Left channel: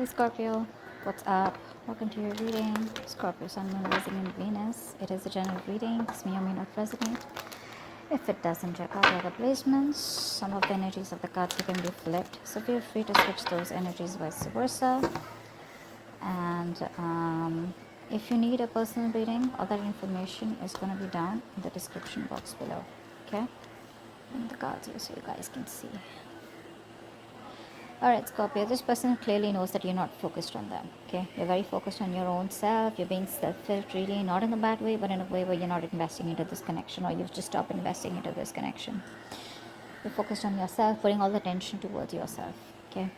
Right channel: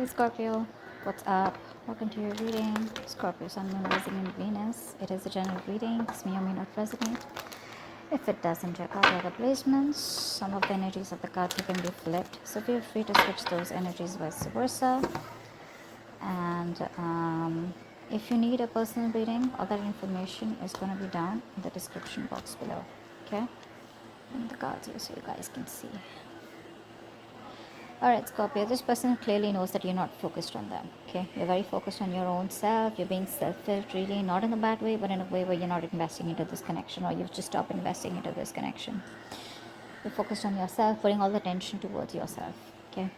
Hey Scorpio, what's up? Welcome to your reading. Scorpio, Sun, Moon, Rising, and Venus. It is a general reading. This may or may not resonate. If it doesn't, check out the other placements. Some of the energies of the cards have been flipped, so feel free to switch those energies vice versa. And if you need a personal reading, all that information is going to be down in the description box below. Okay? And the cards here so you guys can see. Alright, Scorpio, this person clearly knows that you're not focused on them. Okay? You're very focused on your own self. You're being selfish, really, not in a bad way, but in a way where you're not investing into this connection, or you've just stopped investing into this connection. You're focused on yourself, putting all the attention towards yourself. Okay?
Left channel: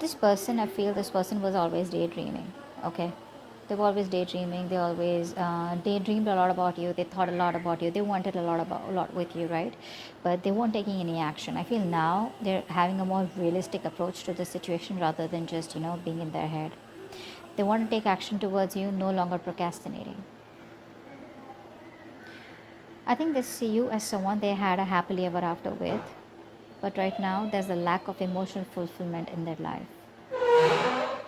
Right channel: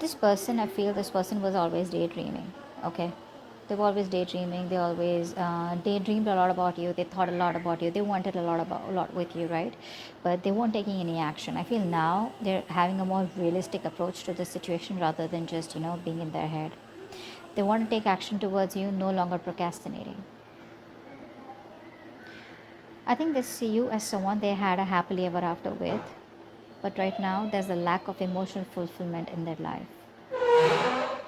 This person, I feel this person was always daydreaming. Okay? They were always daydreaming. They always daydreamed a lot about you. They thought a lot about you. They wanted a lot with you, right? But they weren't taking any action. I feel now they're having a more realistic approach to the situation rather than just being in their head. They want to take action towards you, no longer procrastinating. I think they see you as someone they had a happily ever after with, but right now there's a lack of emotional fulfillment in their life.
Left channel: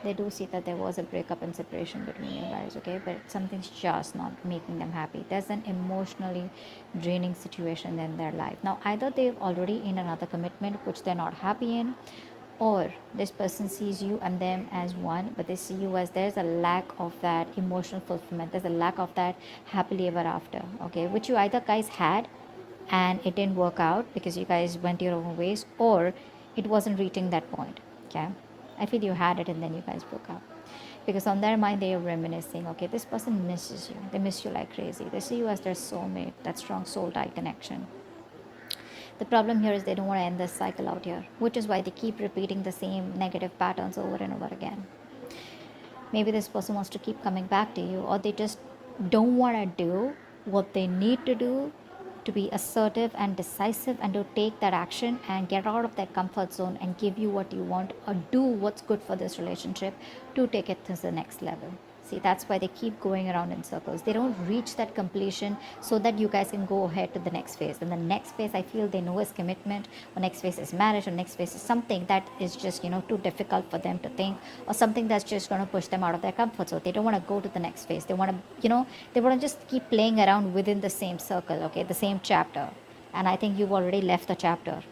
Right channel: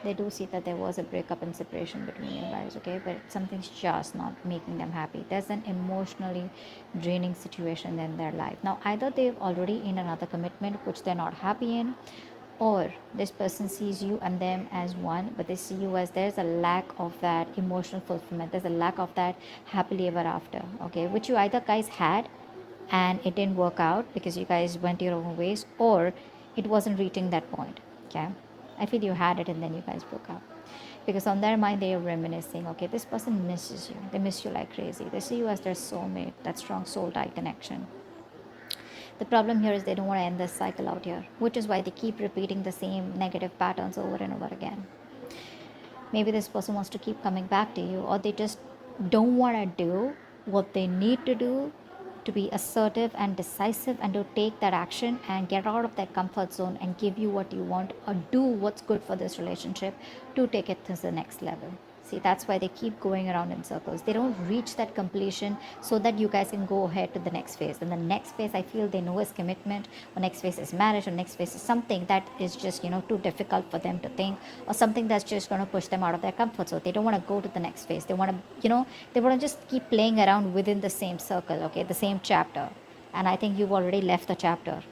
They do see that there was a breakup and separation between you guys, okay? But something's just not making them happy. There's an emotionally draining situation in their life. Now, either they're already in another commitment which they're not happy in, or this person sees you and them as one, but they see you as there's a lack of that emotional fulfillment. There's a lack of that happily ever after, okay? Which you either guys had and it didn't work out because you guys went your own ways, or it wasn't reaching that point, okay? I feel you had it and then you guys broke up. Because on their mind, they are reminiscing, okay, this person misses you. They miss you like crazy. They see you as their soulmate, that strong soul tie connection. The problem here is they don't want to end this cycle out here, which is why they keep repeating the same negative patterns over and over again. Maybe this person wants to keep coming back to you, or they just don't want to do what they need to do to be assertive and decisive and to take that action and get out of that comfort zone and give you what you want or do what's good for this relationship to take it to the next level. See, that's why they keep going around in circles. They don't reach that completion so that you guys can go ahead to the next phase. And the next phase, I feel they know is commitment, or next phase is marriage, or next phase is something that is just, too difficult for them to think, or something that's just going to push them out of their comfort zone. They don't want to go to the next phase. They want to, they want to just keep playing around within the same circle, okay, the same chapter. And I think you've already left the chapter.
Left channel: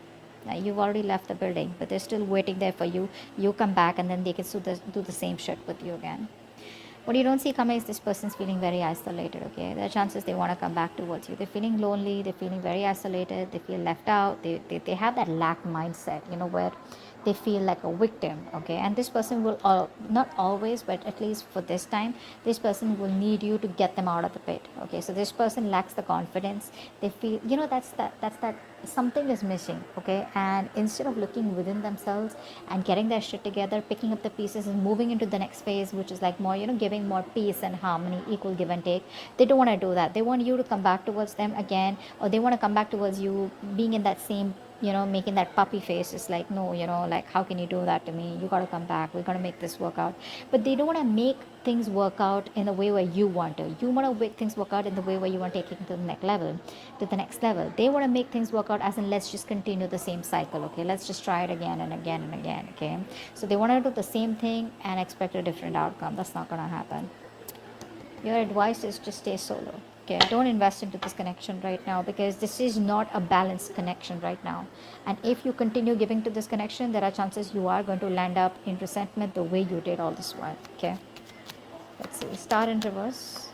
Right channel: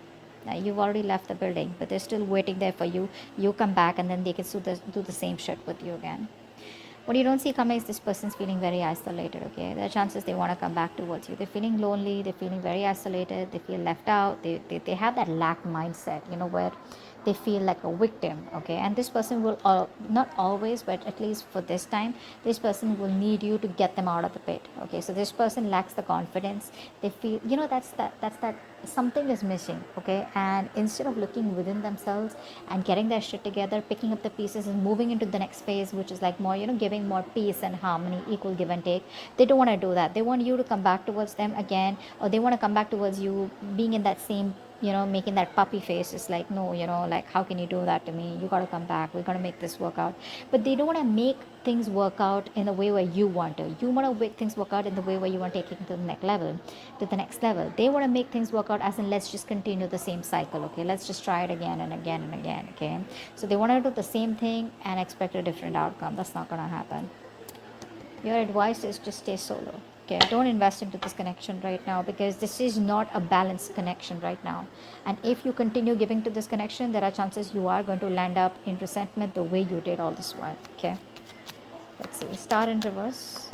You've already left the building, but they're still waiting there for you. You come back and then they can do the same shit with you again. What you don't see coming is this person's feeling very isolated, okay? There are chances they want to come back towards you. They're feeling lonely, they're feeling very isolated, they feel left out, they have that lack mindset, where they feel like a victim, okay? And this person will, not always, but at least for this time, this person will need you to get them out of the pit, okay? So this person lacks the confidence. They feel, that's that something is missing, okay? And instead of looking within themselves and getting their shit together, picking up the pieces and moving into the next phase, which is like more, giving more peace and harmony, equal give and take, they don't want to do that. They want you to come back towards them again, or they want to come back towards you being in that same, making that puppy face. It's like, no, like, how can you do that to me? You got to come back. We're going to make this work out. But they don't want to make things work out in the way where you want to. You want to make things work out in the way where you want to take it to the next level. They want to make things work out as in, let's just continue the same cycle, okay? Let's just try it again and again and again, okay? So they want to do the same thing and expect a different outcome. That's not going to happen. Your advice is just stay solo. Okay, don't invest into this connection right now, because this is not a balanced connection right now. And if you continue giving to this connection, there are chances you are going to land up in resentment the way you did all this while. Okay, let's see. Star in reverse.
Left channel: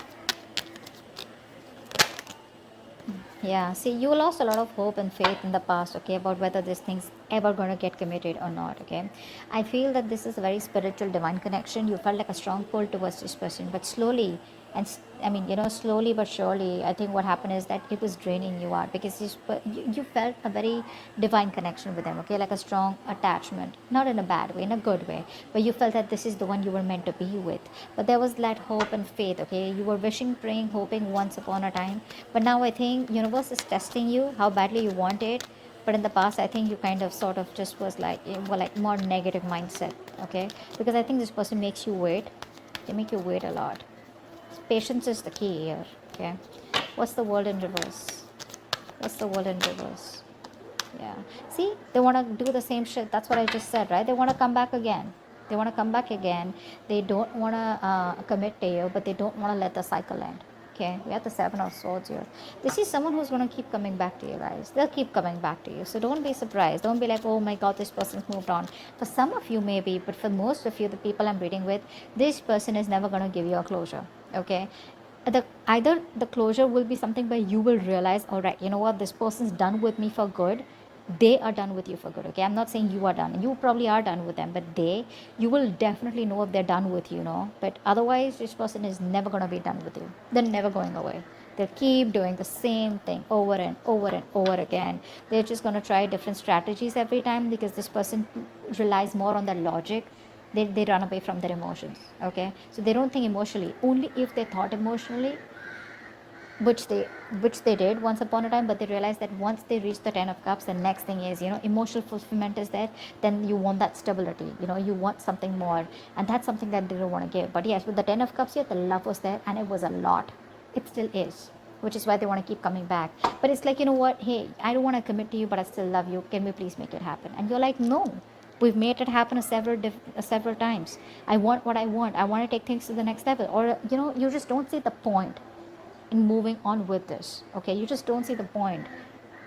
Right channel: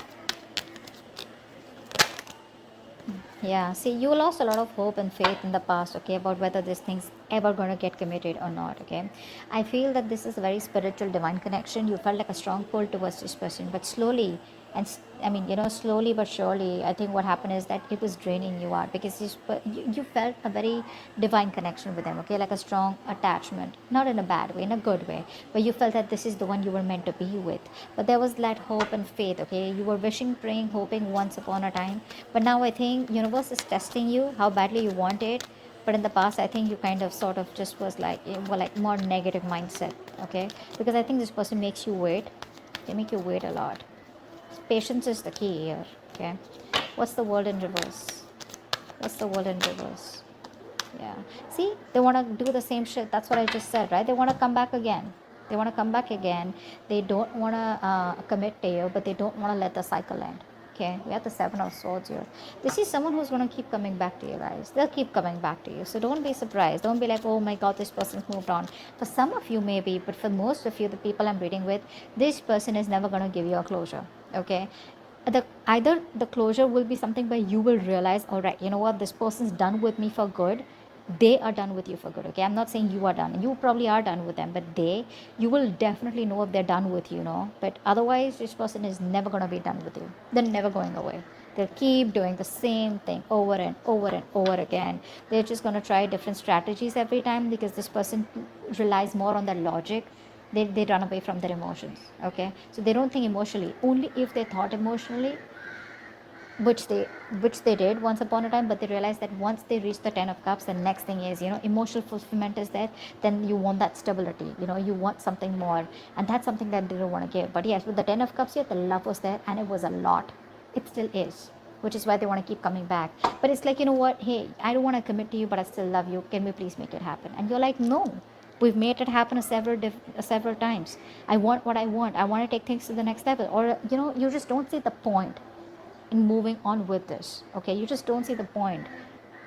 Yeah, see, you lost a lot of hope and faith in the past, okay, about whether this thing's ever going to get committed or not, okay? I feel that this is a very spiritual, divine connection. You felt like a strong pull towards this person, but slowly, slowly but surely, I think what happened is that it was draining you out, because you felt a very divine connection with them, okay, like a strong attachment, not in a bad way, in a good way, but you felt that this is the one you were meant to be with. But there was that hope and faith, okay? You were wishing, praying, hoping once upon a time, but now I think universe is testing you how badly you want it. But in the past, I think you kind of sort of just was like, more negative mindset, okay? Because I think this person makes you wait. They make you wait a lot. Patience is the key here, okay? What's the world in reverse? What's the world in reverse? Yeah. See, they want to do the same shit. That's what I just said, right? They want to come back again. They want to come back again. They don't want to commit to you, but they don't want to let the cycle end. Okay, we have the Seven of Swords here. This is someone who's going to keep coming back to you, guys. They'll keep coming back to you. So don't be surprised. Don't be like, oh my God, this person's moved on. For some of you, maybe, but for most of you, the people I'm reading with, this person is never going to give you a closure. Okay, either the closure will be something where you will realize, all right, you know what, this person's done with me for good. They are done with you for good. Okay, I'm not saying you are done. You probably are done with them, but you will definitely know if they're done with you, but otherwise this person is never going to be done with you. They're never going away. They'll keep doing the same thing over and over and over again. They're just going to try different strategies every time, because this person relies more on the logic. They run away from their emotions. Okay, so they don't think emotionally. Only if they thought emotionally, which they did once upon a time, but they realized that once they reach the 10 of cups, the next thing is, emotional fulfillment is there. Then you want that stability, you want something more, and that's something that they don't want to give. But yes, with the 10 of cups here, the love was there, and it was a lot. It still is, which is why they want to keep coming back. But it's like, you know what, hey, I don't want to commit to you, but I still love you. Can we please make it happen? And you're like, no, we've made it happen several times. I want what I want. I want to take things to the next level. Or you just don't see the point in moving on with this. Okay, you just don't see the point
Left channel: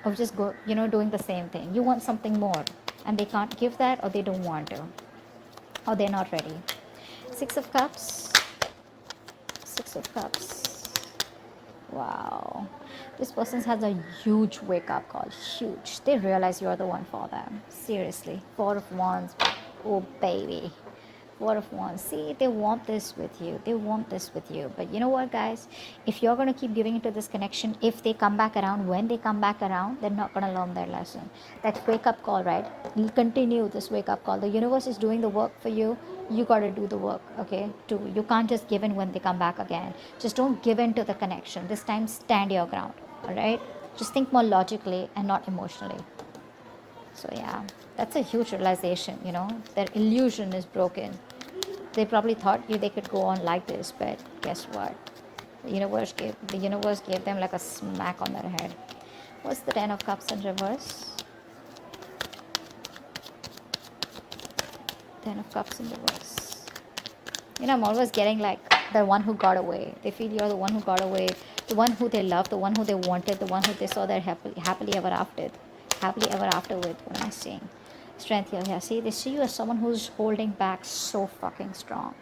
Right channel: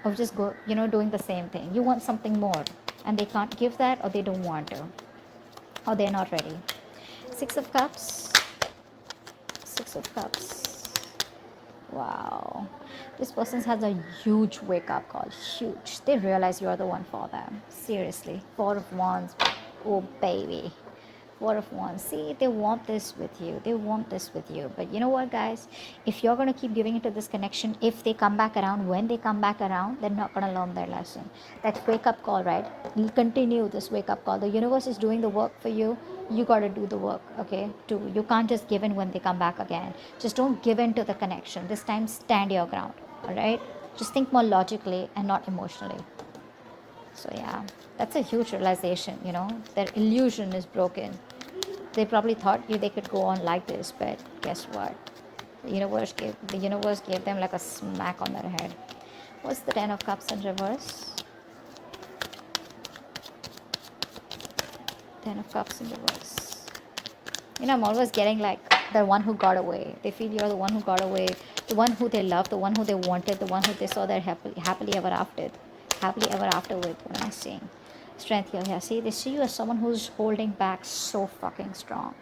of just doing the same thing. You want something more, and they can't give that, or they don't want to, or they're not ready. 6 of cups. 6 of cups. Wow, this person has a huge wake up call. Huge. They realize you're the one for them. Seriously. 4 of wands. Oh baby. 4 of wands. See, they want this with you. They want this with you. But you know what, guys? If you're going to keep giving into this connection, if they come back around, when they come back around, they're not going to learn their lesson. That wake up call, right? You continue this wake up call. The universe is doing the work for you. You got to do the work, okay? Too. You can't just give in when they come back again. Just don't give in to the connection. This time, stand your ground, all right? Just think more logically and not emotionally. So yeah, that's a huge realization, their illusion is broken. They probably thought they could go on like this, but guess what? The universe gave them like a smack on their head. What's the 10 of cups in reverse? 10 of cups in reverse. I'm always getting like the one who got away. They feel you're the one who got away, the one who they loved, the one who they wanted, the one who they saw their happily ever after with. What am I saying? Strength here. Yeah, see, they see you as someone who's holding back so fucking strong.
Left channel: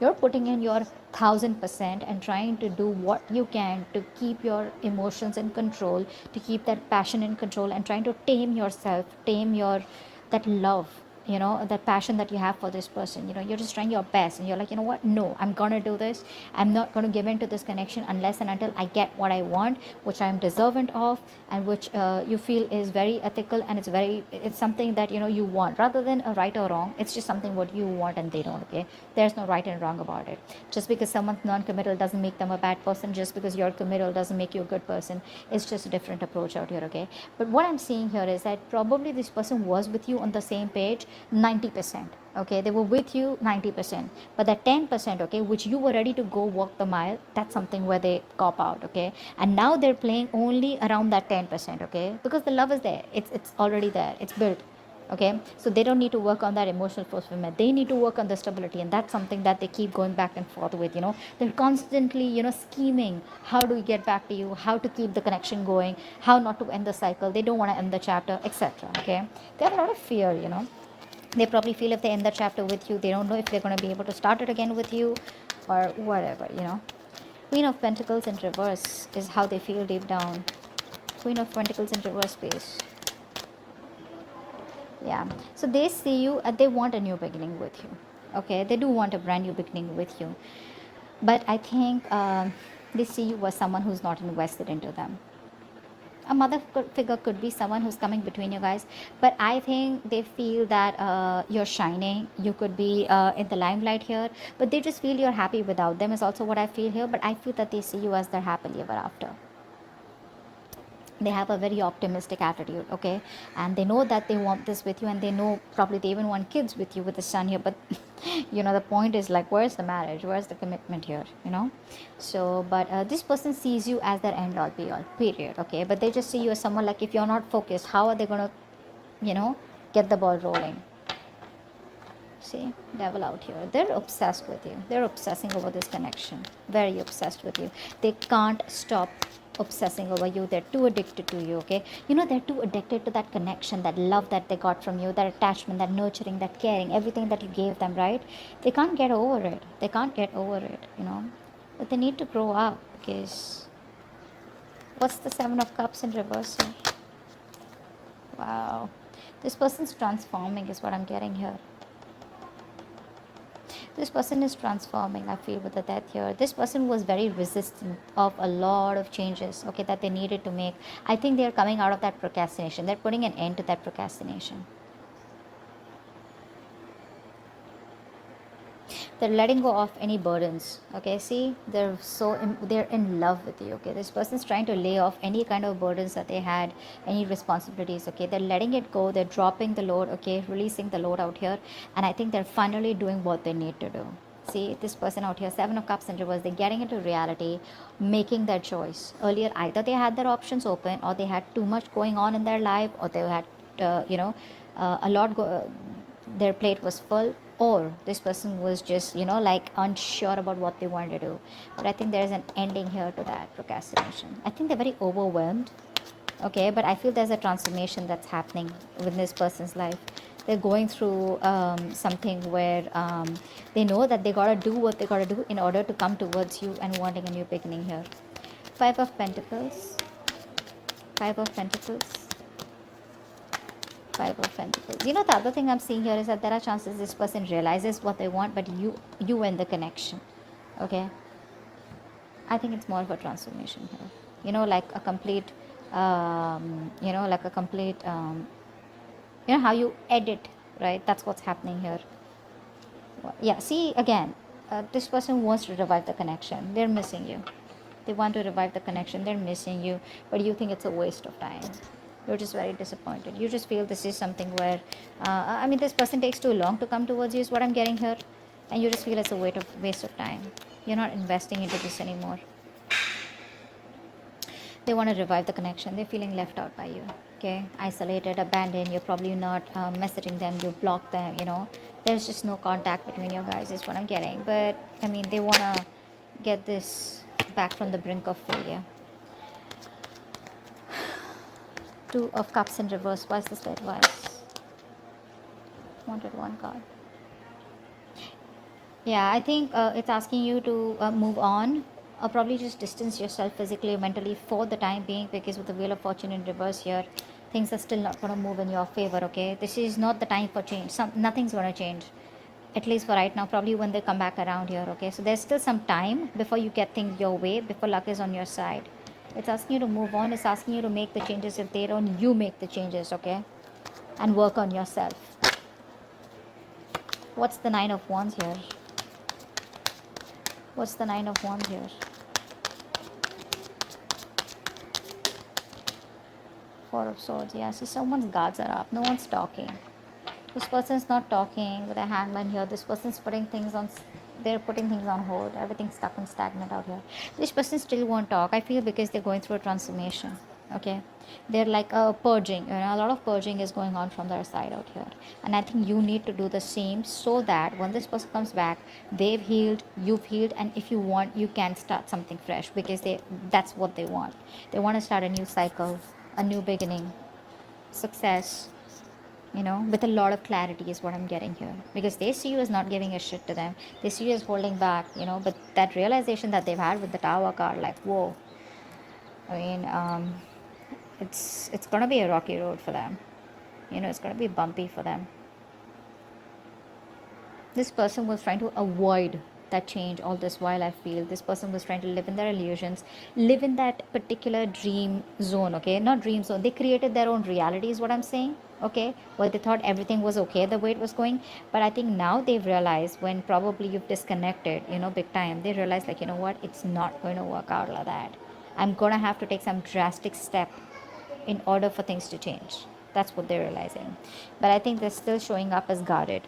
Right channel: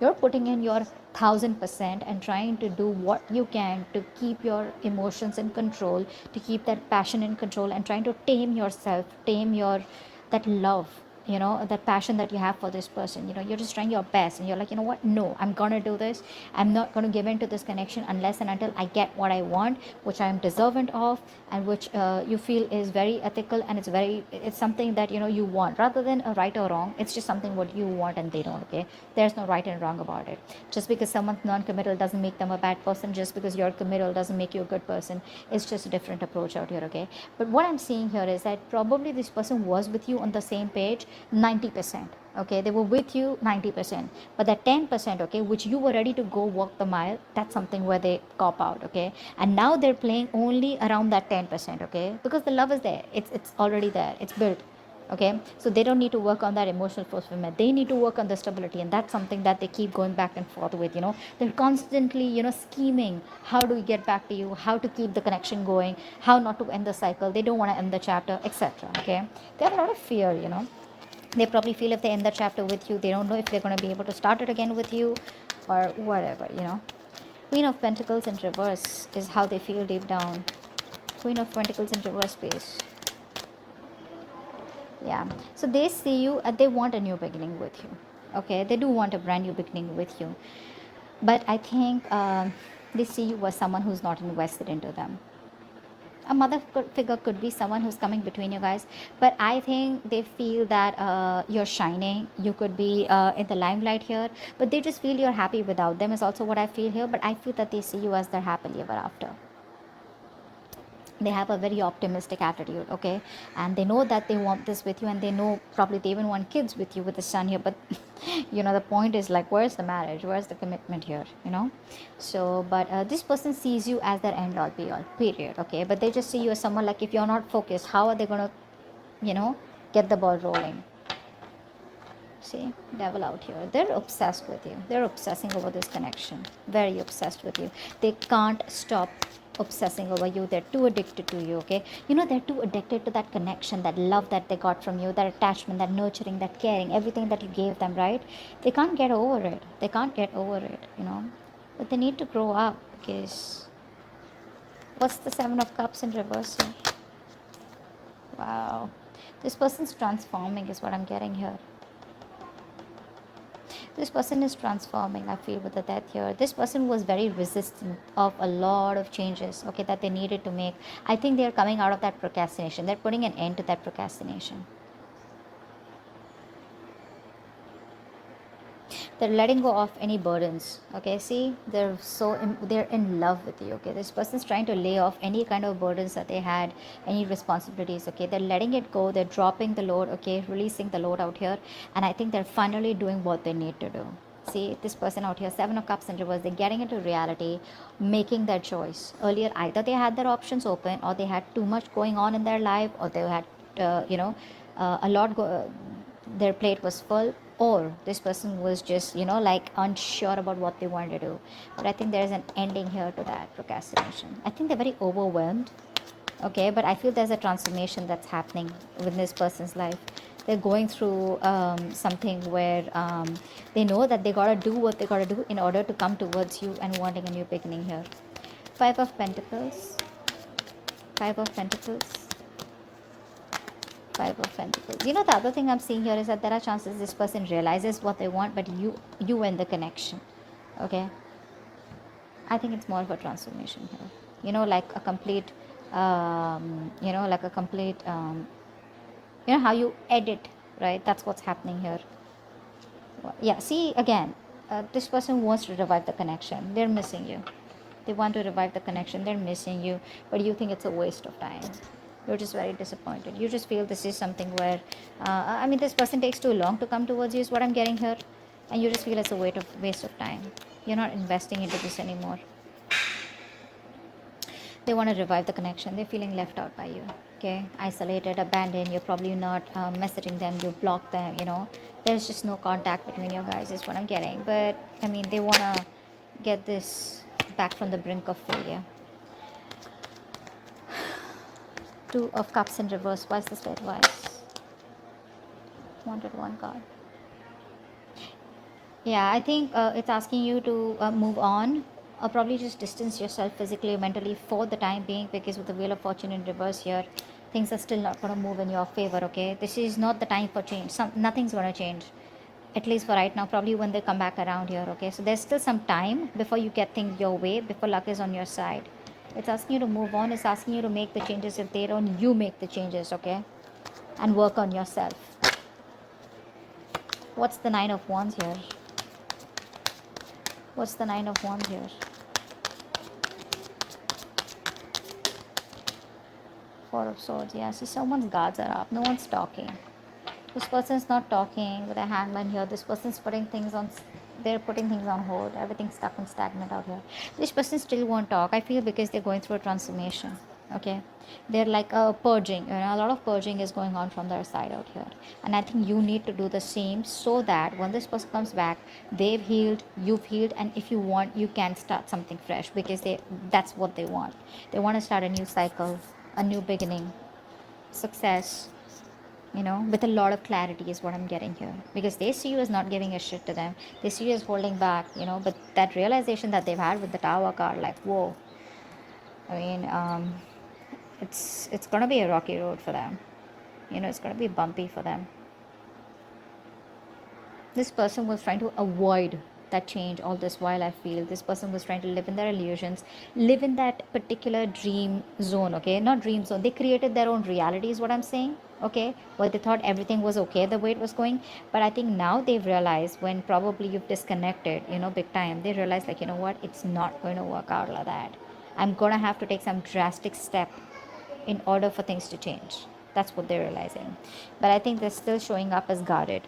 You're putting in your 1000% and trying to do what you can to keep your emotions in control, to keep that passion in control, and trying to tame yourself, tame your that love, that passion that you have for this person. You're just trying your best, and you're like, you know what, no, I'm gonna do this. I'm not gonna give in to this connection unless and until I get what I want, which I'm deserving of, and which you feel is very ethical, and it's something that you want, rather than a right or wrong. It's just something what you want, and they don't. Okay, there's no right and wrong about it. Just because someone's non-committal doesn't make them a bad person. Just because you're committal doesn't make you a good person. It's just a different approach out here. Okay, but what I'm seeing here is that probably this person was with you on the same page 90%. Okay, they were with you 90%, but that 10%, okay, which you were ready to go walk the mile, that's something where they cop out. Okay, and now they're playing only around that 10%. Okay, because the love is there. It's already there. It's built. Okay, so they don't need to work on that emotional fulfillment. They need to work on the stability, and that's something that they keep going back and forth with. They're constantly scheming, how do we get back to you, how to keep the connection going, how not to end the cycle. They don't want to end the chapter, etc. Okay, they have a lot of fear. They probably feel if they end the chapter with you, they don't know if they're going to be able to start it again with you, or whatever. Queen of Pentacles in reverse is how they feel deep down. Queen of Pentacles in reverse, please. Yeah, so they see you and they want a new beginning with you. Okay, they do want a brand new beginning with you, but I think they see you as someone who's not invested into them. A mother figure could be someone who's coming between you guys, but I think they feel that you're shining. You could be in the limelight here, but they just feel you're happy without them is also what I feel here. But I feel that they see you as their happily ever after. They have a very optimistic attitude, okay, and they know that they want this with you, and they know probably they even want kids with you, with the son here. But the point is, like, where's the marriage, where's the commitment here, so but this person sees you as their end all be all, period, okay, but they just see you as someone, like, if you're not focused, how are they gonna you know get the ball rolling? See, devil out here. They're obsessed with you. They're obsessing over this connection. Very obsessed with you. They can't stop obsessing over you. They're too addicted to you, okay? They're too addicted to that connection, that love that they got from you, that attachment, that nurturing, that caring, everything that you gave them, right? They can't get over it. They can't get over it. But they need to grow up, because what's the Seven of Cups in reverse here? Wow. This person's transforming is what I'm getting here. This person is transforming, I feel, with the death here. This person was very resistant of a lot of changes, okay, that they needed to make. I think they're coming out of that procrastination. They're putting an end to that procrastination. They're letting go of any burdens, okay? See, they're in love with you, okay? This person is trying to lay off any kind of burdens that they had, any responsibilities, okay? They're letting it go. They're dropping the load, okay? Releasing the load out here. And I think they're finally doing what they need to do. See, this person out here, Seven of Cups in reverse, they're getting into reality, making their choice. Earlier, either they had their options open, or they had too much going on in their life, or they had a lot their plate was full, or this person was just like unsure about what they wanted to do. But I think there's an ending here to that procrastination. I think they're very overwhelmed, okay, but I feel there's a transformation that's happening within this person's life. They're going through something where they know that they gotta do what they gotta do in order to come towards you and wanting a new beginning here. Five of Pentacles. Five of Pentacles. Five of Pentacles. The other thing I'm seeing here is that there are chances this person realizes what they want, but you end the connection. Okay. I think it's more of a transformation here. Like a complete, like a complete, how you edit, right? That's what's happening here. Yeah. See, again, this person wants to revive the connection. They're missing you. They want to revive the connection. They're missing you, but you think it's a waste of time. You're just very disappointed. You just feel this is something where, this person takes too long to come towards you is what I'm getting here. And you just feel it's a waste of time. You're not investing into this anymore. They want to revive the connection. They're feeling left out by you. Okay? Isolated, abandoned. You're probably not messaging them. You block them, There's just no contact between you guys is what I'm getting. But, they want to get this back from the brink of failure. Two of Cups in reverse. Why is this advice? Wanted one card. Yeah, I think it's asking you to move on, or probably just distance yourself physically or mentally for the time being, because with the Wheel of Fortune in reverse here, things are still not going to move in your favor, okay? This is not the time for change. Nothing's going to change, at least for right now. Probably when they come back around here, okay? So there's still some time before you get things your way, before luck is on your side. It's asking you to move on. It's asking you to make the changes. If they don't, you make the changes, okay? And work on yourself. What's the Nine of Wands here? What's the Nine of Wands here? Four of Swords. Yeah, see, someone's guards are up. No one's talking. This person's not talking with a hangman here. This person's putting things on... They're putting things on hold. Everything's stuck and stagnant out here. This person still won't talk, I feel, because they're going through a transformation. Okay, they're like purging. A lot of purging is going on from their side out here, and I think you need to do the same, so that when this person comes back, they've healed, you've healed, and if you want, you can start something fresh, because that's what they want. They want to start a new cycle, a new beginning, success, with a lot of clarity is what I'm getting here, because they see you as not giving your shit to them. They see you as holding back, but that realization that they've had with the Tower card, like, whoa, it's gonna be a rocky road for them. It's gonna be bumpy for them. This person was trying to avoid that change all this while. I feel this person was trying to live in their illusions, live in that particular dream zone, okay? Not dream zone. They created their own reality is what I'm saying, okay? But they thought everything was okay the way it was going. But I think now they've realized, when probably you've disconnected, big time, they realize, like, what? It's not going to work out like that. I'm gonna have to take some drastic step in order for things to change. That's what they're realizing. But I think they're still showing up as guarded,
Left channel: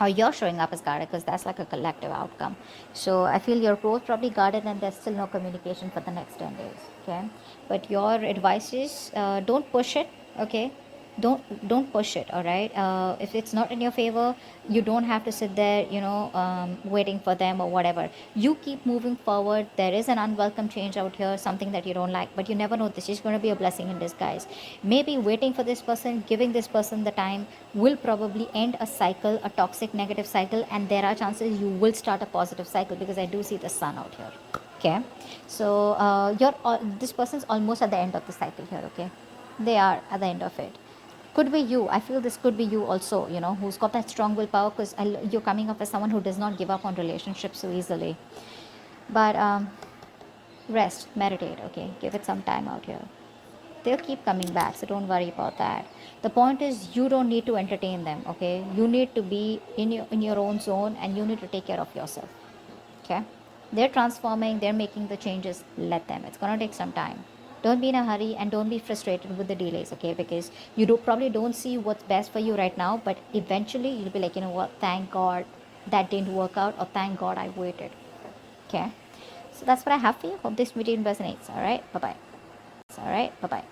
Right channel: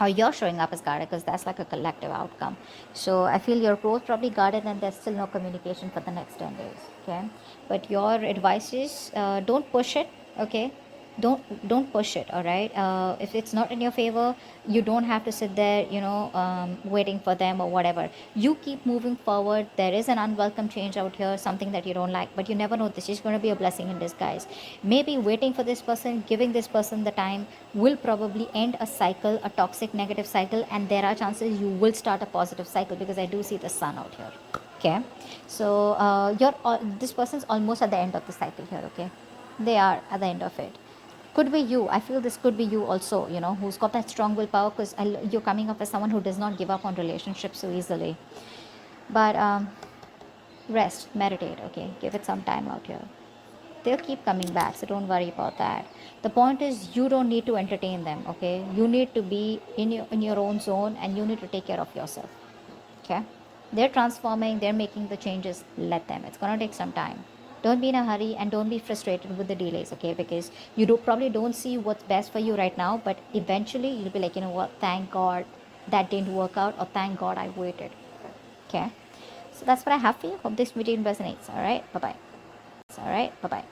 or you're showing up as guarded, because that's like a collective outcome. So I feel you're both probably guarded when there's still no communication for the next 10 days. Okay, but your advice is, don't push it. Okay, don't push it. All right, if it's not in your favor, you don't have to sit there, waiting for them or whatever. You keep moving forward. There is an unwelcome change out here, something that you don't like, but you never know, this is going to be a blessing in disguise. Maybe waiting for this person, giving this person the time, will probably end a cycle, a toxic negative cycle, and there are chances you will start a positive cycle, because I do see the sun out here. Okay, so this person's almost at the end of the cycle here. Okay, they are at the end of it. Could be you. I feel this could be you also, who's got that strong willpower, because you're coming up as someone who does not give up on relationships so easily. But rest, meditate. Okay, give it some time out. Yeah, they'll keep coming back, so don't worry about that. The point is, you don't need to entertain them. Okay, you need to be in your own zone, and you need to take care of yourself. Okay, they're transforming, they're making the changes. Let them. It's gonna take some time. Don't be in a hurry, and don't be frustrated with the delays. Okay, because you probably don't see what's best for you right now, but eventually you'll be like, you know what, thank God that didn't work out, or thank God I waited. Okay, so that's what I have for you. Hope this video resonates. All right, bye bye. All right, bye bye.